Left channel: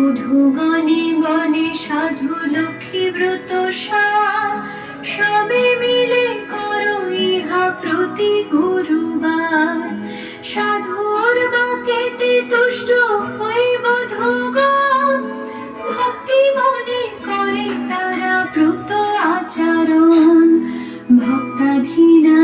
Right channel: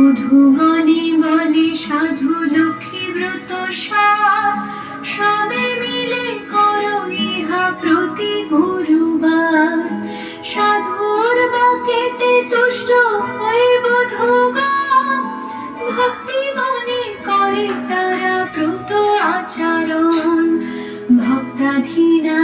বধূগণে বলে সাধু লক্ষ্মী ব্রত সার, সবে মিলে করো ইহা প্রতি গুরুবার। সাধুর বাক্যেতে তুষ্ট হয়ে বধূগণ, ভক্তি মনে করে তারা ব্রত আচরণ। ভক্তাধীনা